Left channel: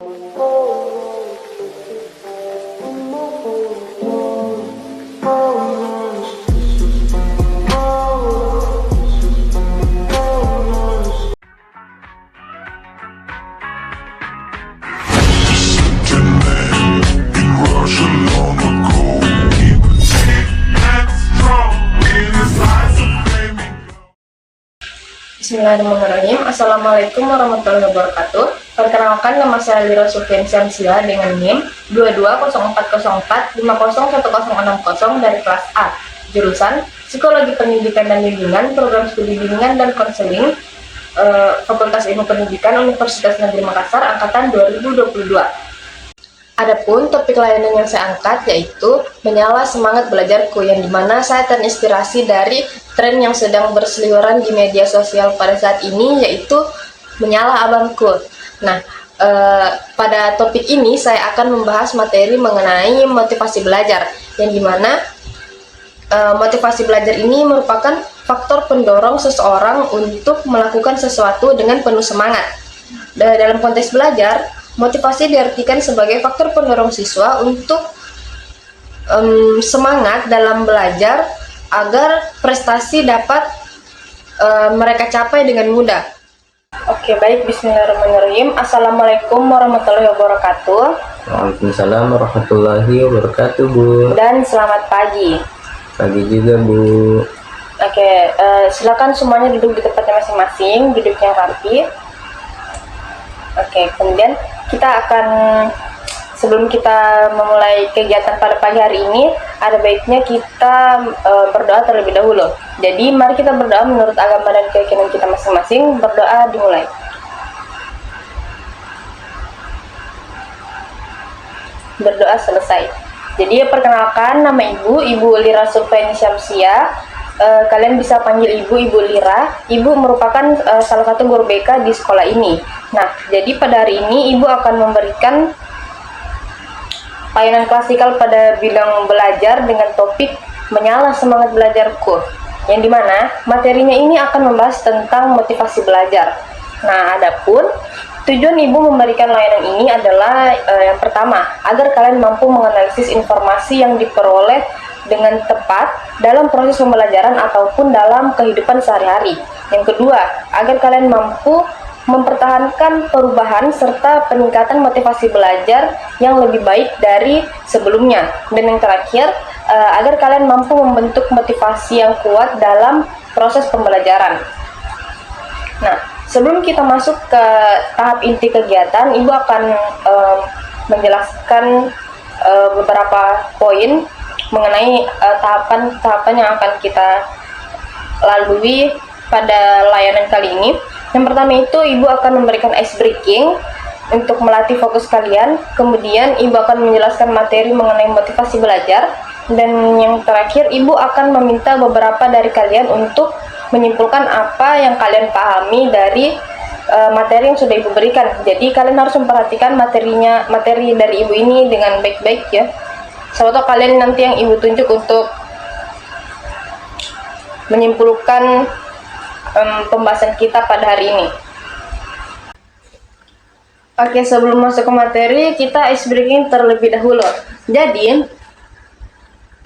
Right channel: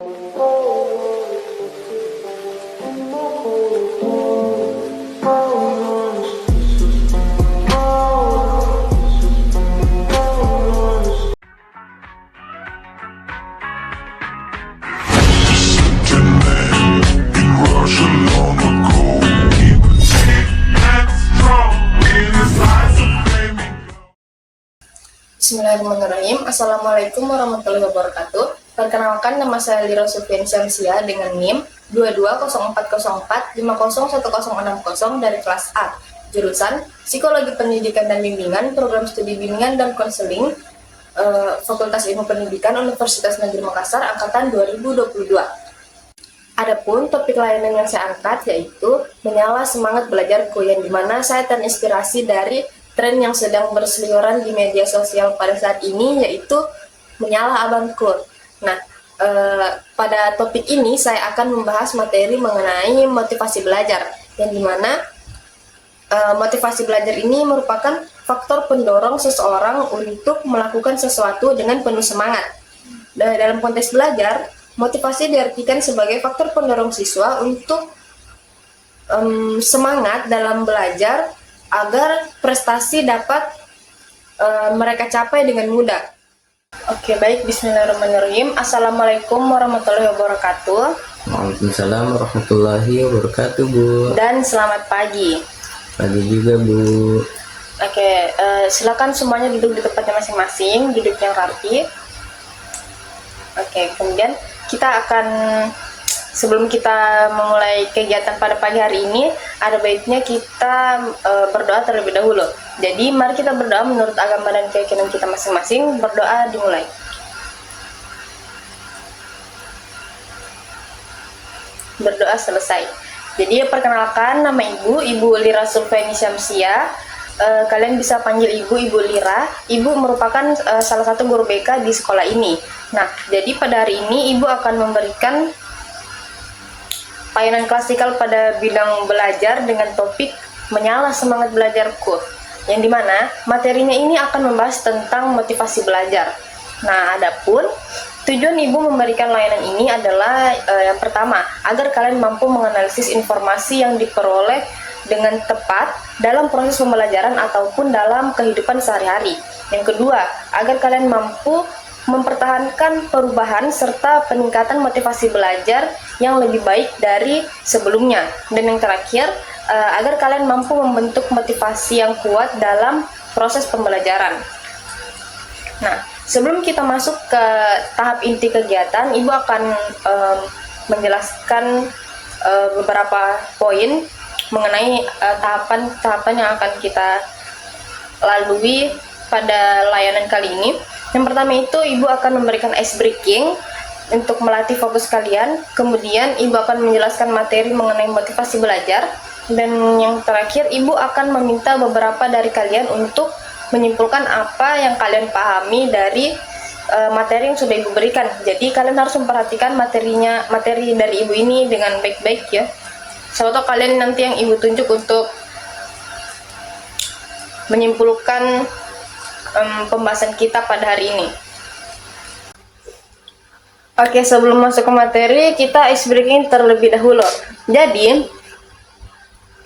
Bismillahirrahmanirrahim. Assalamualaikum warahmatullahi wabarakatuh. Perkenalkan, nama saya Lira Sulfian Syamsia dengan NIM 220404501060 dari kelas A, jurusan Psikologi Pendidikan dan Bimbingan, Program Studi Bimbingan dan Konseling, Fakultas Ilmu Pendidikan Universitas Negeri Makassar, angkatan 2022. Adapun topik layanan yang saya angkat yaitu menyala semangat belajarku, yang dimana saya terinspirasi dari tren yang sedang berseliweran di media sosial pada saat ini, yaitu menyala abangku. Nah, pada topik ini saya akan membahas materi mengenai motivasi belajar, yang dimana motivasi belajar ini merupakan faktor pendorong seseorang untuk melakukan sesuatu dengan penuh semangat. Dalam konteks belajar, motivasi diartikan sebagai faktor pendorong siswa untuk semangat dalam belajar agar prestasi dapat mereka capai dengan mudah. Oke, baik. Bismillahirrahmanirrahim. Assalamualaikum warahmatullahi wabarakatuh. Waalaikumsalam warahmatullahi wabarakatuh, Bu. Dan selamat pagi. Pagi juga, Bu. Oke, silakan semuanya duduk di tempatnya masing-masing, duduk yang rapi. Oke, kemudian kita akan, sebelum kita memulai kegiatan pada pagi hari ini, ada baiknya kita berdoa terlebih dahulu. Jadi mari kita berdoa menurut agama dan keyakinan kita masing-masing. Berdoa dimulai. Berdoa selesai. Jadi perkenalkan, nama Ibu Lira Sulfian Syamsia. Kalian bisa panggil Ibu Lira. Ibu merupakan salah satu guru BK di sekolah ini. Nah, jadi pada hari ini Ibu akan memberikan layanan klasikal pada bidang belajar dengan topik menyala semangat belajarku, yang dimana materinya ini akan membahas tentang motivasi belajar. Nah, adapun tujuan Ibu memberikan layanan ini adalah yang pertama, agar kalian mampu menganalisis informasi yang diperoleh dengan tepat dalam proses pembelajaran ataupun dalam kehidupan sehari-hari. Yang kedua, agar kalian mampu mempertahankan perubahan serta peningkatan motivasi belajar yang lebih baik dari sebelumnya. Dan yang terakhir, agar kalian mampu membentuk motivasi yang kuat dalam proses pembelajaran. Nah, sebelum kita masuk ke tahap inti kegiatan, Ibu akan menjelaskan beberapa poin mengenai tahapan-tahapan yang akan kita lalui pada layanan kali ini. Yang pertama itu, Ibu akan memberikan ice breaking untuk melatih fokus kalian. Kemudian Ibu akan menjelaskan materi mengenai motivasi belajar. Dan yang terakhir, Ibu akan meminta beberapa dari kalian untuk menyimpulkan apa yang kalian pahami dari materi yang sudah Ibu berikan. Jadi kalian harus memperhatikan materi dari Ibu ini dengan baik-baik ya. Siapa tahu kalian nanti yang Ibu tunjuk untuk menyimpulkan pembahasan kita pada hari ini. Oke, sebelum masuk ke materi, kita ice breaking terlebih dahulu. Jadi,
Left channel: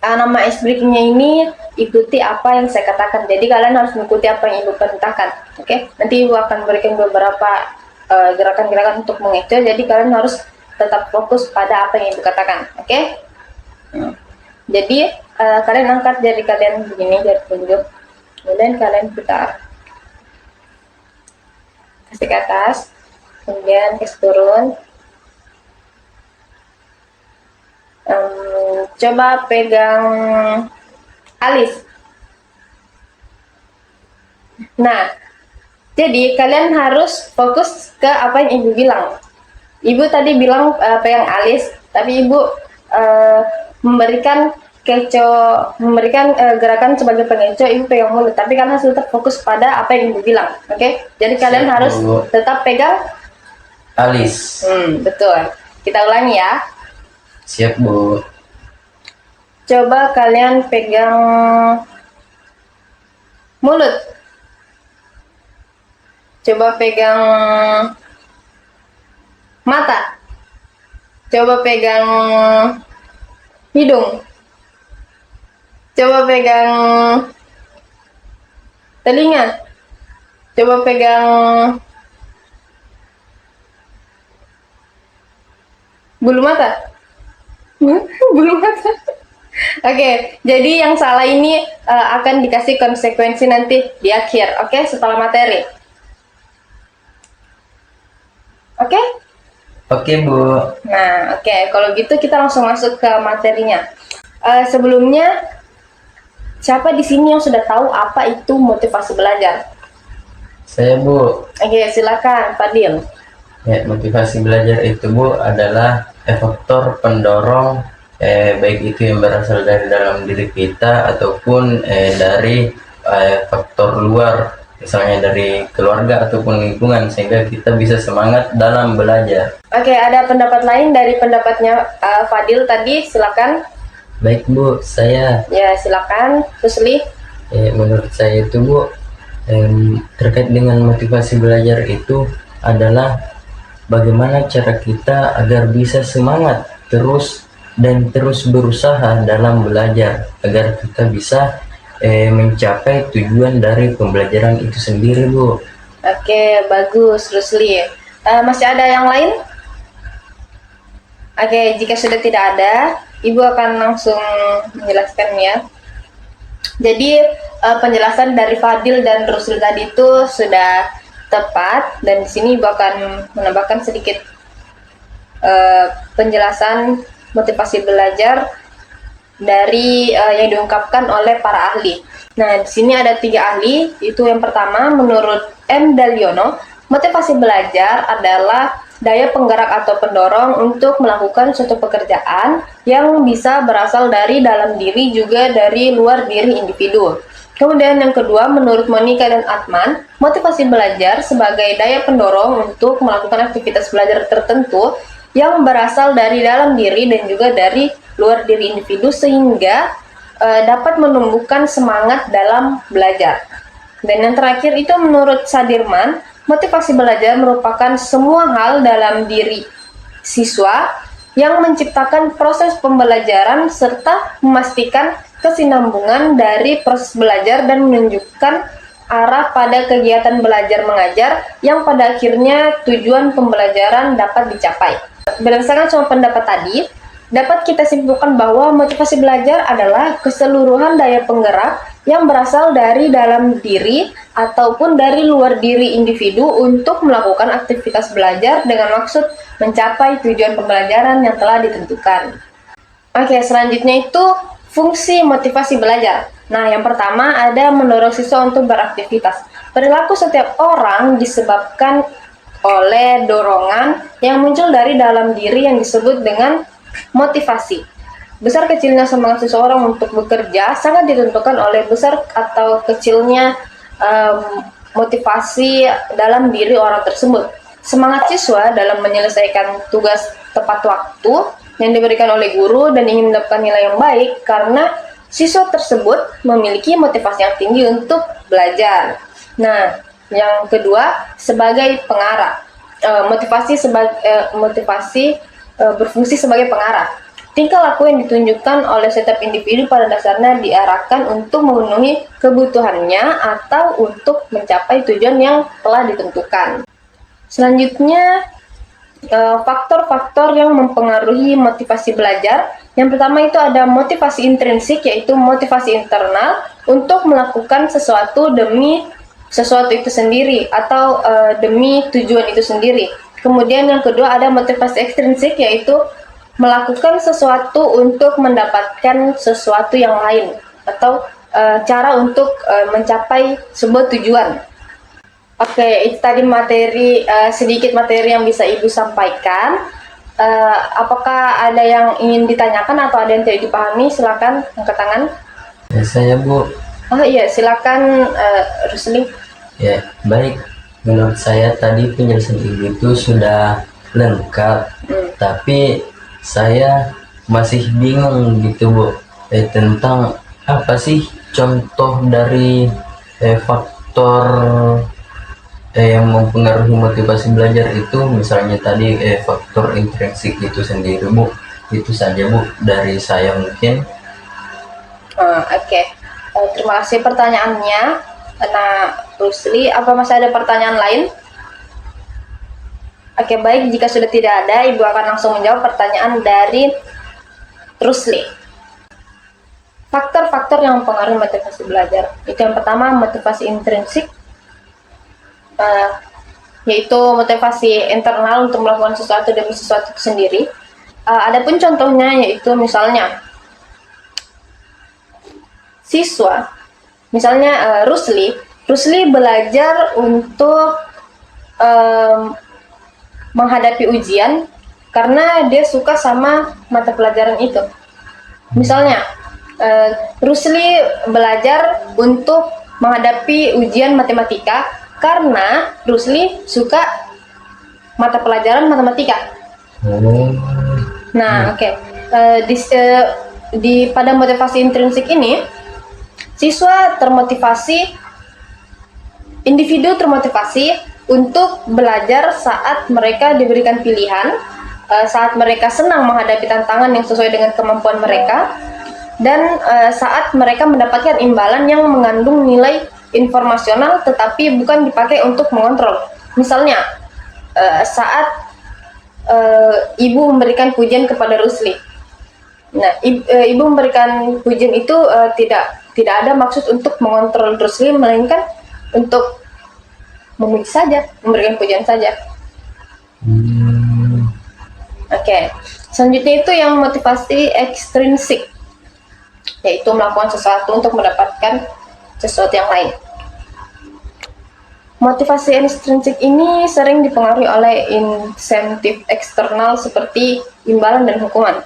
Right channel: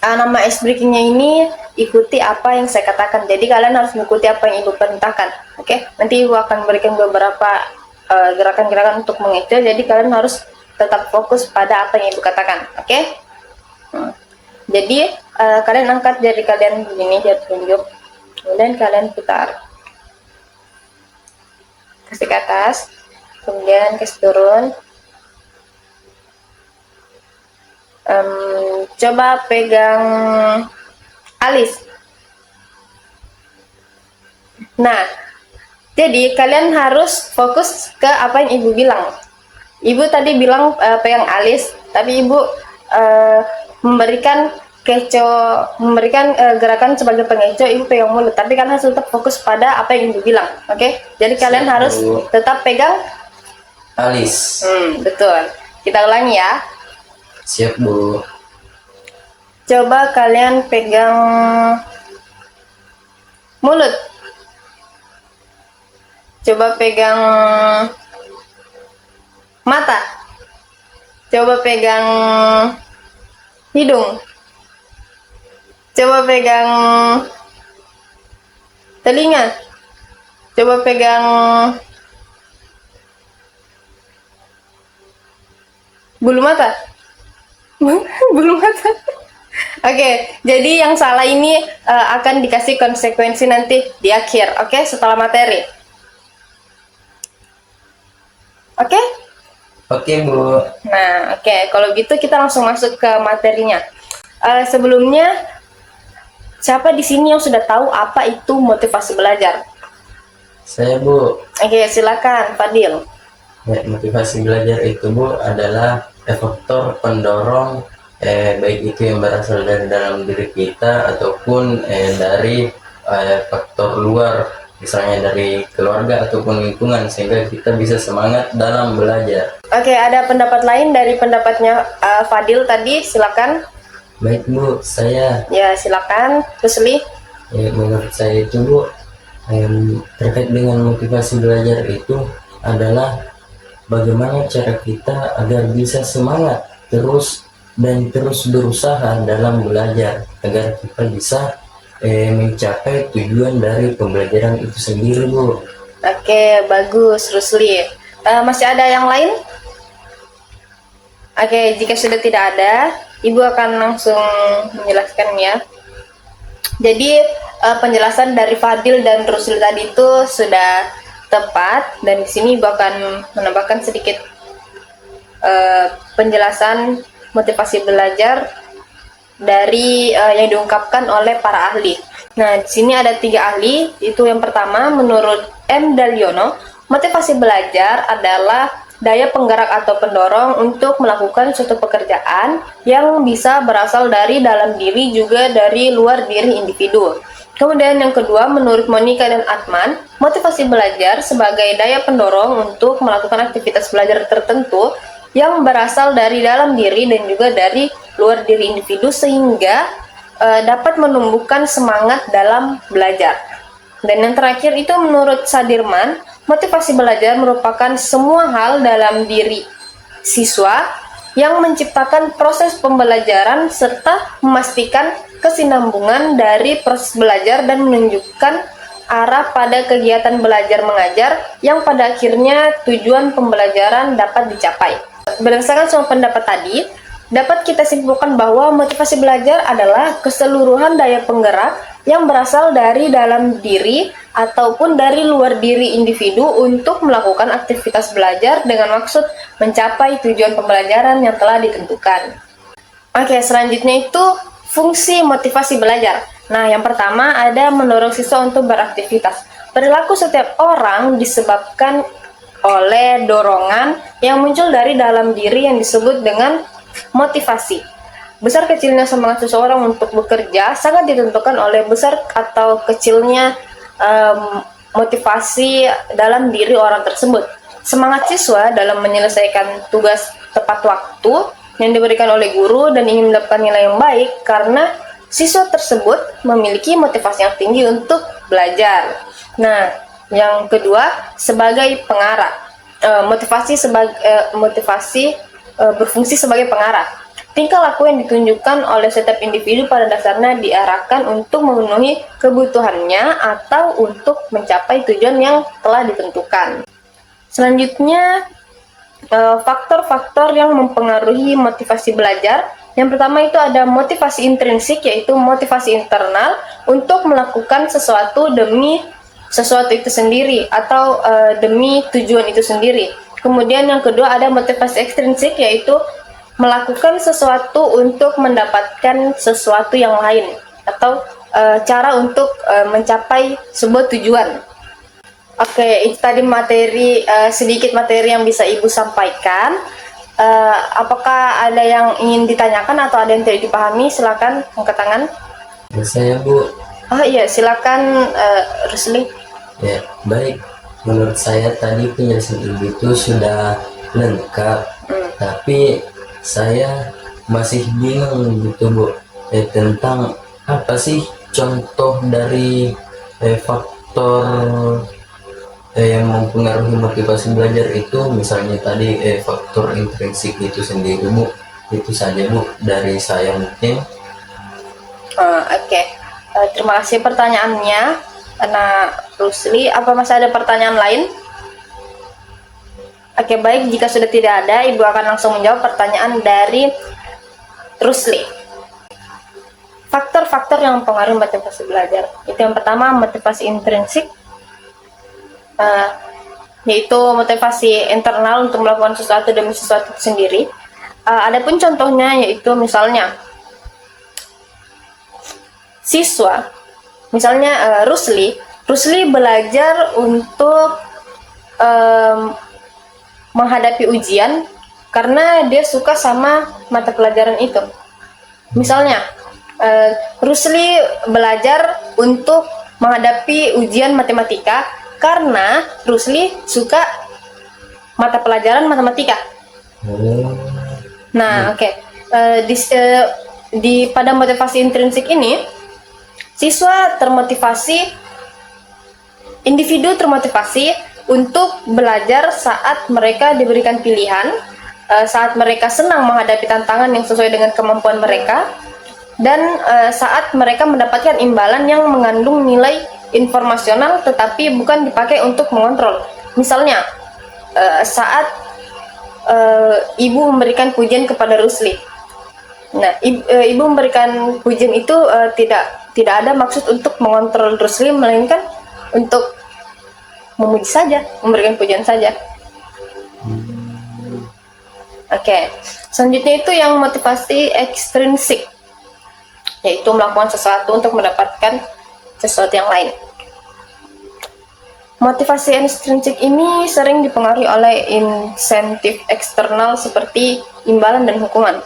nama ice breakingnya ini ikuti apa yang saya katakan. Jadi kalian harus mengikuti apa yang Ibu perintahkan. Oke, nanti Ibu akan berikan beberapa gerakan-gerakan untuk mengejar. Jadi kalian harus tetap fokus pada apa yang Ibu katakan. Oke? Jadi kalian angkat jari kalian begini, jari telunjuk. Kemudian kalian putar, kasih ke atas, kemudian kasih turun. Coba pegang alis. Nah, jadi kalian harus fokus ke apa yang Ibu bilang. Ibu tadi bilang pegang alis, tapi Ibu memberikan gerakan sebagai pengecoh. Ibu pegang mulut, tapi kalian harus tetap fokus pada apa yang Ibu bilang. Oke? Jadi kalian harus tetap pegang alis. Betul. Kita ulangi ya. Siap, Bu. Coba kalian pegang mulut. Coba pegang mata. Coba pegang hidung. Coba pegang telinga. Coba pegang bulu mata. Bulu mata. Oke, jadi yang salah ini akan dikasih konsekuensi nanti di akhir, oke, setelah materi. Oke? Oke Bu. Nah, oke, kalau gitu kita langsung masuk ke materinya. Sebelumnya, siapa di sini yang sudah tahu apa itu motivasi belajar? Saya Bu. Oke, silakan, Fadil. Ya, motivasi belajar itu Bu adalah faktor pendorong baik itu yang berasal dari dalam diri kita ataupun dari faktor luar, misalnya dari keluarga ataupun lingkungan, sehingga kita bisa semangat dalam belajar. Oke, ada pendapat lain dari pendapatnya Fadil tadi, silakan. Baik Bu, saya Ya, silakan. Rusli. menurut saya itu Bu, terkait dengan motivasi belajar itu adalah bagaimana cara kita agar bisa semangat terus dan terus berusaha dalam belajar agar kita bisa mencapai tujuan dari pembelajaran itu sendiri Bu. Oke, bagus, Rusli. Masih ada yang lain? Oke, jika sudah tidak ada, Ibu akan langsung menjelaskan ya. Jadi penjelasan dari Fadil dan Rusli tadi itu sudah tepat, dan di sini Ibu akan menambahkan sedikit penjelasan motivasi belajar dari yang diungkapkan oleh para ahli. Nah, di sini ada 3 ahli. Itu yang pertama, menurut M. Daliono, motivasi belajar adalah daya penggerak atau pendorong untuk melakukan suatu pekerjaan yang bisa berasal dari dalam diri juga dari luar diri individu. Kemudian yang kedua, menurut Monica dan Atman, motivasi belajar sebagai daya pendorong untuk melakukan aktivitas belajar tertentu yang berasal dari dalam diri dan juga dari luar diri individu sehingga dapat menumbuhkan semangat dalam belajar. Dan yang terakhir itu menurut Sadirman, motivasi belajar merupakan semua hal dalam diri siswa yang menciptakan proses pembelajaran serta memastikan kesinambungan dari proses belajar dan menunjukkan arah pada kegiatan belajar mengajar yang pada akhirnya tujuan pembelajaran dapat dicapai. Berdasarkan semua pendapat tadi, dapat kita simpulkan bahwa motivasi belajar adalah keseluruhan daya penggerak yang berasal dari dalam diri ataupun dari luar diri individu untuk melakukan aktivitas belajar dengan maksud mencapai tujuan pembelajaran yang telah ditentukan. Oke, selanjutnya itu fungsi motivasi belajar. Nah, yang pertama ada mendorong siswa untuk beraktivitas. Perilaku setiap orang disebabkan oleh dorongan yang muncul dari dalam diri yang disebut dengan motivasi. Besar kecilnya semangat seseorang untuk bekerja sangat ditentukan oleh besar atau kecilnya motivasi dalam diri orang tersebut. Semangat siswa dalam menyelesaikan tugas tepat waktu yang diberikan oleh guru dan ingin mendapatkan nilai yang baik karena siswa tersebut memiliki motivasi yang tinggi untuk belajar. Nah, yang kedua sebagai pengarah. Motivasi berfungsi sebagai pengarah. Tingkah laku yang ditunjukkan oleh setiap individu pada dasarnya diarahkan untuk memenuhi kebutuhannya atau untuk mencapai tujuan yang telah ditentukan. Selanjutnya, faktor-faktor yang mempengaruhi motivasi belajar. Yang pertama itu ada motivasi intrinsik, yaitu motivasi internal untuk melakukan sesuatu demi sesuatu itu sendiri atau demi tujuan itu sendiri. Kemudian yang kedua ada motivasi ekstrinsik, yaitu melakukan sesuatu untuk mendapatkan sesuatu yang lain atau cara untuk mencapai sebuah tujuan. Oke, itu tadi sedikit materi yang bisa Ibu sampaikan. Apakah ada yang ingin ditanyakan atau ada yang tidak dipahami? Silakan angkat tangan. Ya, saya Bu. Oh iya, silakan Rusli. Ya, baik. Menurut saya tadi penjelasan Ibu itu sudah lengkap, tapi saya masih bingung gitu Bu, tentang apa sih contoh dari faktor yang mempengaruhi motivasi belajar itu misalnya tadi faktor intrinsik itu sendiri Bu. Itu saja Bu dari saya mungkin. Oke. Terima kasih pertanyaannya. Nah, Rusli, apa masih ada pertanyaan lain? Oke, baik. Jika sudah tidak ada, Ibu akan langsung menjawab pertanyaan dari Rusli. Faktor-faktor yang mempengaruhi motivasi belajar. Itu yang pertama, motivasi intrinsik, yaitu motivasi internal untuk melakukan sesuatu demi sesuatu itu sendiri. Adapun contohnya yaitu misalnya siswa, misalnya Rusli belajar untuk menghadapi ujian karena dia suka sama mata pelajaran itu. Misalnya Rusli belajar untuk menghadapi ujian matematika karena Rusli suka mata pelajaran matematika. Nah, oke. Pada motivasi intrinsik ini, individu termotivasi untuk belajar saat mereka diberikan pilihan, saat mereka senang menghadapi tantangan yang sesuai dengan kemampuan mereka, dan saat mereka mendapatkan imbalan yang mengandung nilai informasional tetapi bukan dipakai untuk mengontrol. Misalnya, saat ibu memberikan pujian kepada Rusli. Nah, ibu memberikan pujian itu tidak ada maksud untuk mengontrol Rusli, melainkan untuk memuji saja, memberikan pujian saja. Oke. Selanjutnya itu yang motivasi ekstrinsik, yaitu melakukan sesuatu untuk mendapatkan sesuatu yang lain. Motivasi ekstrinsik ini sering dipengaruhi oleh insentif eksternal seperti imbalan dan hukuman.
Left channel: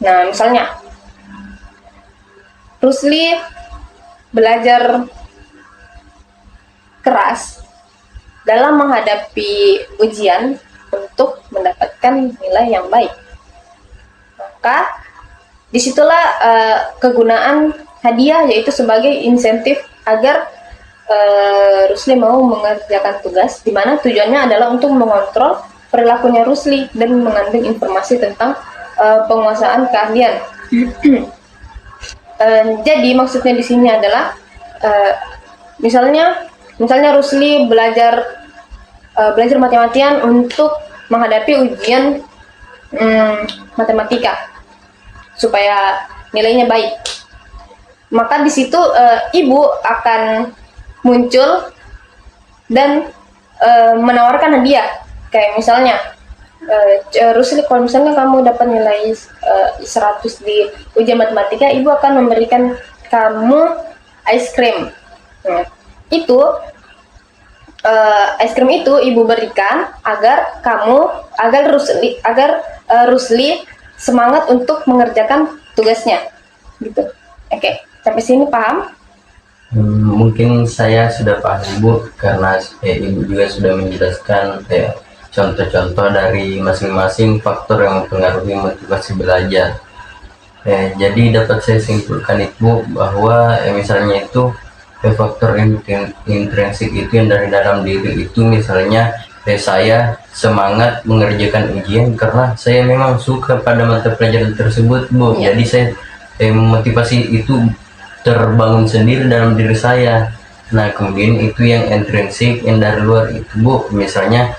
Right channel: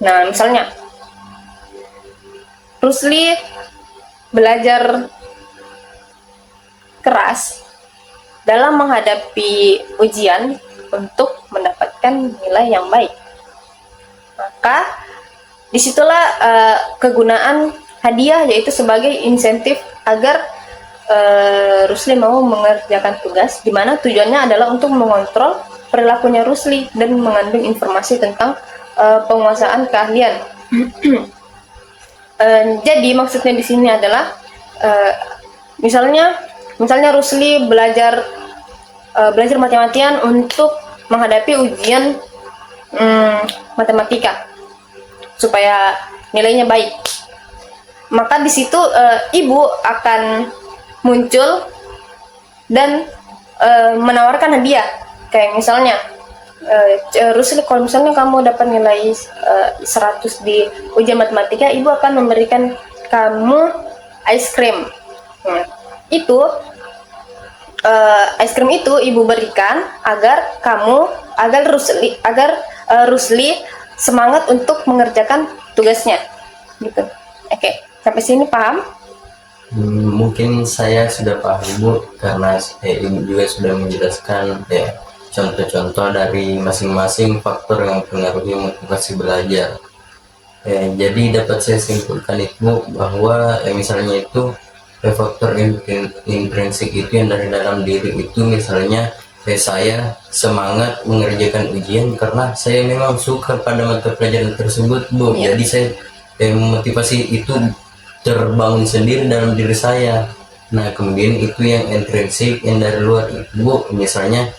Nah, misalnya Rusli belajar keras dalam menghadapi ujian untuk mendapatkan nilai yang baik. Maka disitulah kegunaan hadiah, yaitu sebagai insentif agar Rusli mau mengerjakan tugas, di mana tujuannya adalah untuk mengontrol perilakunya Rusli dan mengandung informasi tentang penguasaan keahlian. Jadi maksudnya di sini adalah misalnya Rusli belajar mati-matian untuk menghadapi ujian matematika supaya nilainya baik. Maka di situ ibu akan muncul dan menawarkan hadiah, kayak misalnya Rusli, kalau misalnya kamu dapat nilai 100 di ujian matematika, ibu akan memberikan kamu ice cream. Nah, itu ice cream itu ibu berikan agar Rusli semangat untuk mengerjakan tugasnya, gitu. Oke, sampai sini paham? Mungkin saya sudah paham Bu, karena Ibu juga sudah menjelaskan contoh-contoh dari masing-masing faktor yang mempengaruhi motivasi belajar. Jadi dapat saya simpulkan Ibu bahwa misalnya itu faktor intrinsik itu yang dari dalam diri itu, misalnya saya semangat mengerjakan ujian karena saya memang suka pada mata pelajaran tersebut Bu. Jadi saya motivasi itu terbangun sendiri dalam diri saya. Nah, kemudian itu yang intrinsik, yang dari luar itu Bu, misalnya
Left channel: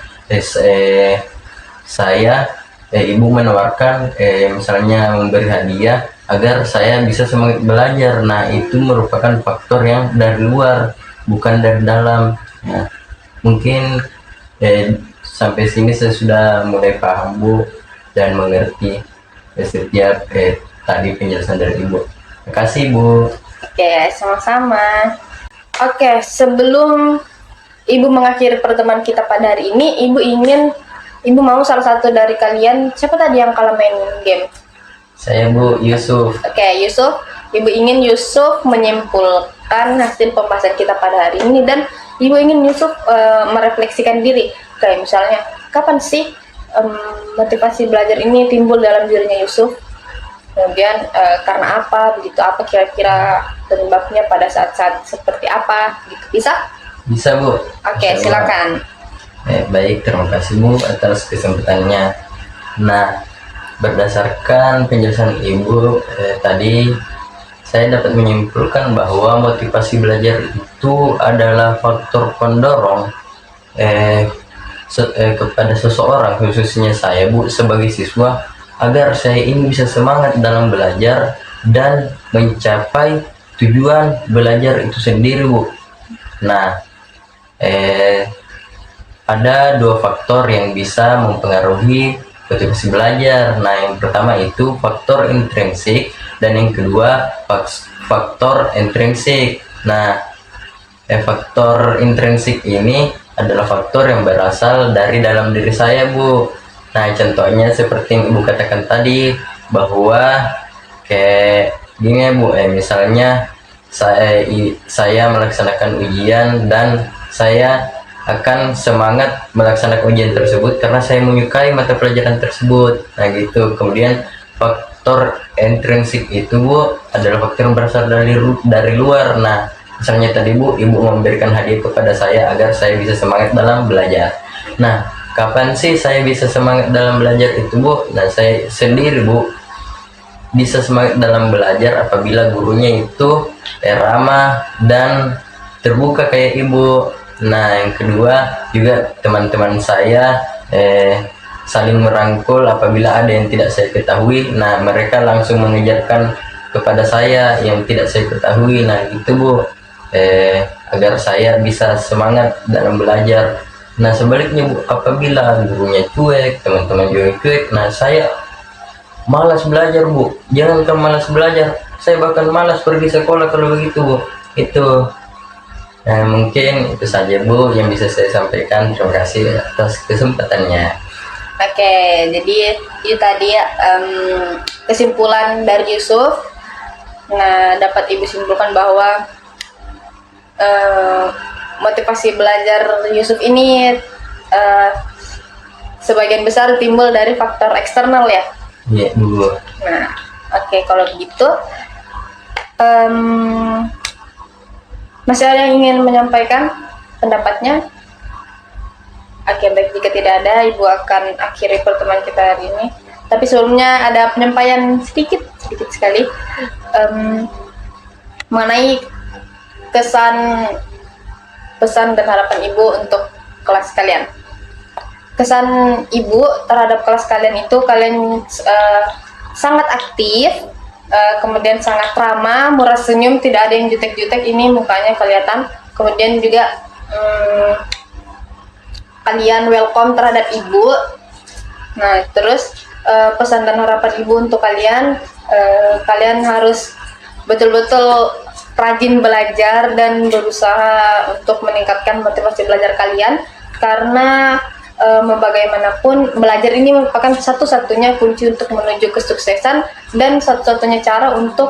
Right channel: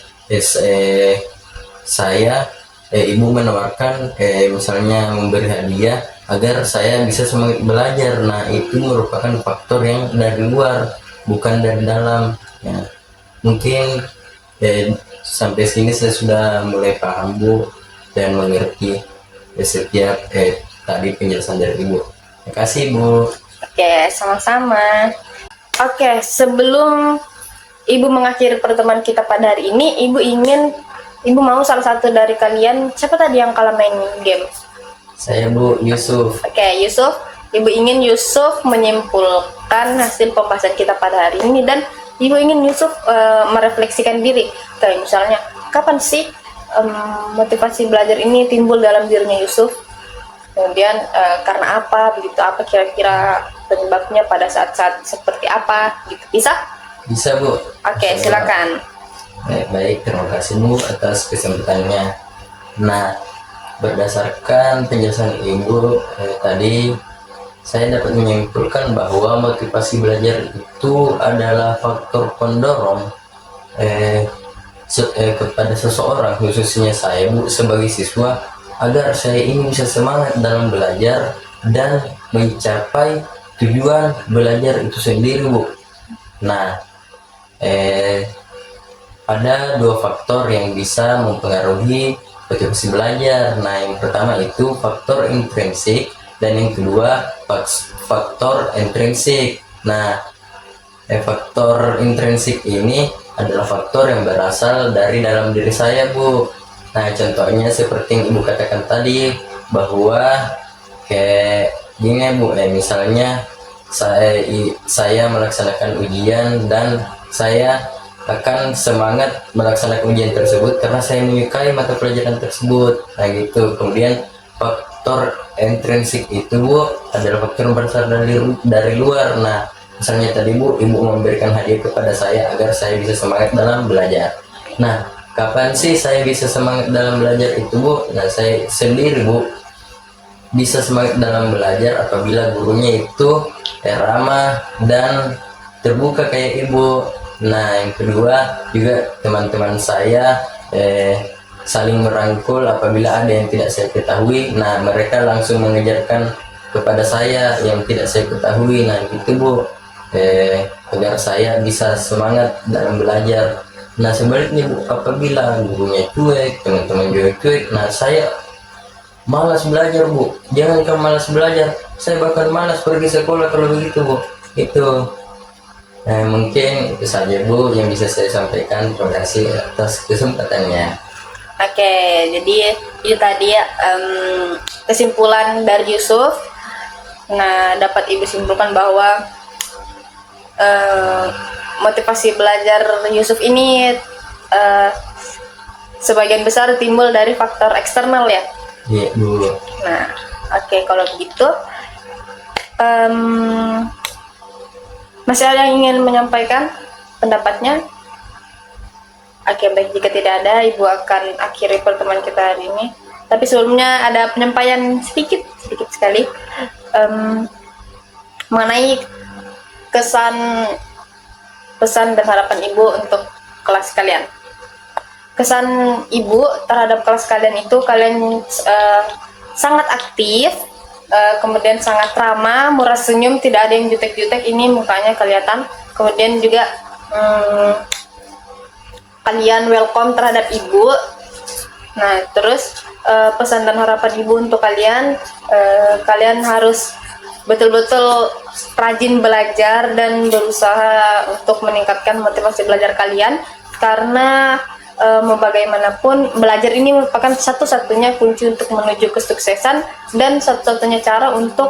saya ibu menawarkan misalnya memberi hadiah agar saya bisa semangat belajar. Nah, itu merupakan faktor yang dari luar, bukan dari dalam ya. Mungkin sampai sini saya sudah mulai paham Bu dan mengerti setiap tadi penjelasan dari Ibu. Terima kasih Bu. Oke, sama-sama. Oke, sebelum Ibu mengakhiri pertemuan kita pada hari ini, Ibu mau salah satu dari kalian, siapa tadi yang kalah main game? Saya Bu, Yusuf. Oke, Yusuf. Ibu ingin Yusuf menyimpulkan hasil pembahasan kita pada hari ini, dan Ibu ingin Yusuf merefleksikan diri. Kayak misalnya, kapan sih motivasi belajar ini timbul dalam dirinya Yusuf? Kemudian karena apa begitu, apa kira-kira penyebabnya pada saat-saat seperti apa gitu, bisa? Bisa Bu. Oke, Insya Allah. silakan. Baik, terima kasih Bu atas kesempatannya. Nah, berdasarkan penjelasan Ibu tadi, saya dapat menyimpulkan bahwa motivasi belajar itu adalah faktor pendorong kepada seseorang, khususnya saya Bu sebagai siswa, agar saya ini bisa semangat dalam belajar dan mencapai tujuan belajar itu sendiri Bu. Nah, ada dua faktor yang bisa mempengaruhi motivasi belajar. Nah, yang pertama itu faktor intrinsik dan yang kedua faktor intrinsik. Nah, faktor intrinsik ini adalah faktor yang berasal dari dalam diri saya, Bu. Nah, contohnya seperti yang Ibu katakan tadi, bahwa kayak gini ya, Bu, misalnya saya melaksanakan ujian dan saya akan semangat melaksanakan ujian tersebut karena saya menyukai mata pelajaran tersebut. Nah, gitu. Kemudian faktor intrinsik itu, Bu, adalah faktor yang berasal dari luar. Nah, misalnya tadi Bu, Ibu memberikan hadiah kepada saya agar saya bisa semangat dalam belajar. Nah, kapan sih saya bisa semangat dalam belajar itu, Bu? Nah, saya sendiri, Bu, bisa semangat dalam belajar apabila gurunya itu ramah dan terbuka kayak Ibu. Nah, yang kedua juga teman-teman saya saling merangkul apabila ada yang tidak saya ketahui. Nah, mereka langsung mengajarkan kepada saya yang tidak saya ketahui. Nah, itu Bu, agar saya bisa semangat dalam belajar. Nah, sebaliknya Bu, apabila gurunya cuek, teman-teman juga cuek, nah saya malas belajar Bu. Jangankan malas belajar, saya bahkan malas pergi sekolah kalau begitu Bu. Itu. Nah, mungkin itu saja Bu yang bisa saya sampaikan. Terima kasih atas kesempatannya. Oke, jadi itu tadi kesimpulan dari Yusuf. Nah, dapat Ibu simpulkan bahwa motivasi belajar Yusuf ini sebagian besar timbul dari faktor eksternal ya. Iya Bu. Nah, oke, kalau begitu masih ada yang ingin menyampaikan pendapatnya? Oke, baik, jika tidak ada, Ibu akan akhiri pertemuan kita hari ini. Tapi sebelumnya ada penyampaian sedikit sekali mengenai pesan dan harapan Ibu untuk kelas kalian. Kesan Ibu terhadap kelas kalian itu, kalian sangat aktif, kemudian sangat ramah, murah senyum, tidak ada yang jutek-jutek, ini mukanya kelihatan. Kemudian juga kalian welcome terhadap Ibu. Nah, terus pesan dan harapan Ibu untuk kalian, kalian harus betul-betul rajin belajar dan berusaha untuk meningkatkan motivasi belajar kalian, karena mau bagaimanapun belajar ini merupakan satu-satunya kunci untuk menuju kesuksesan dan satu-satunya cara untuk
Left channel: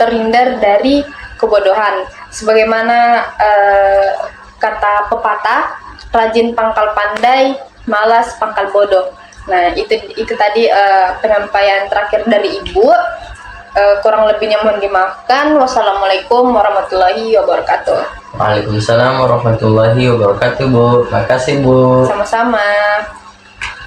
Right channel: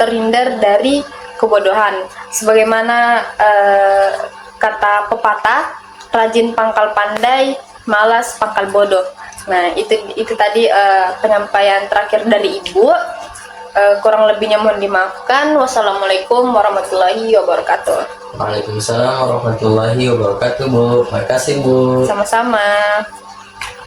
terhindar dari kebodohan. Sebagaimana kata pepatah, rajin pangkal pandai, malas pangkal bodoh. Nah, itu tadi penyampaian terakhir dari Ibu. Kurang lebihnya mohon dimaafkan. Wassalamualaikum warahmatullahi wabarakatuh. Waalaikumsalam warahmatullahi wabarakatuh Bu. Makasih Bu. Sama-sama.